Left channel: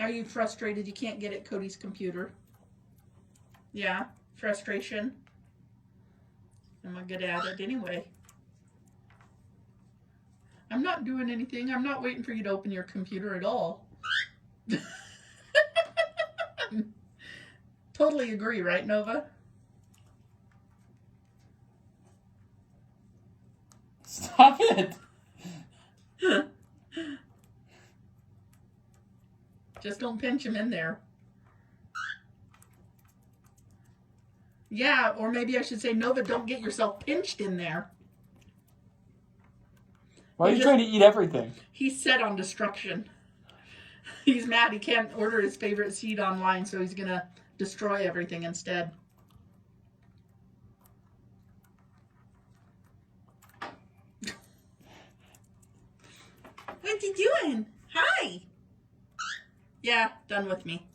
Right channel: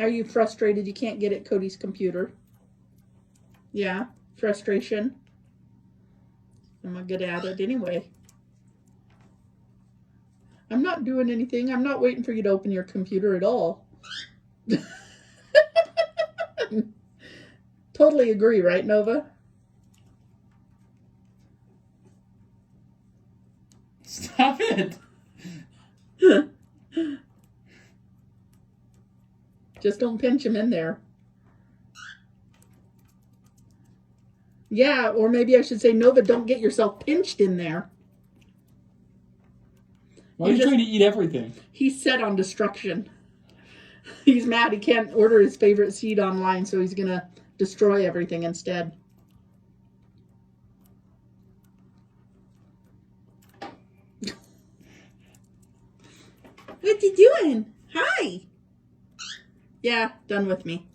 Are you frustrated you can't get at Cody's computer? Yeah, frustration. I'm not good at it anyway. I'm not doing anything. I'm not waiting for you to open your computer at all. Totally agree, right, Nova? Stop it. Just don't pinch him in there. Yeah, or maybe I should say, Nova, don't get yourself pinched in there. Why are you trying to eat everything? He's set on destruction. He's mad he can't order his favorite seed online, so he's going to destroy everything instead. What you doing? Hi. Yeah, done with me.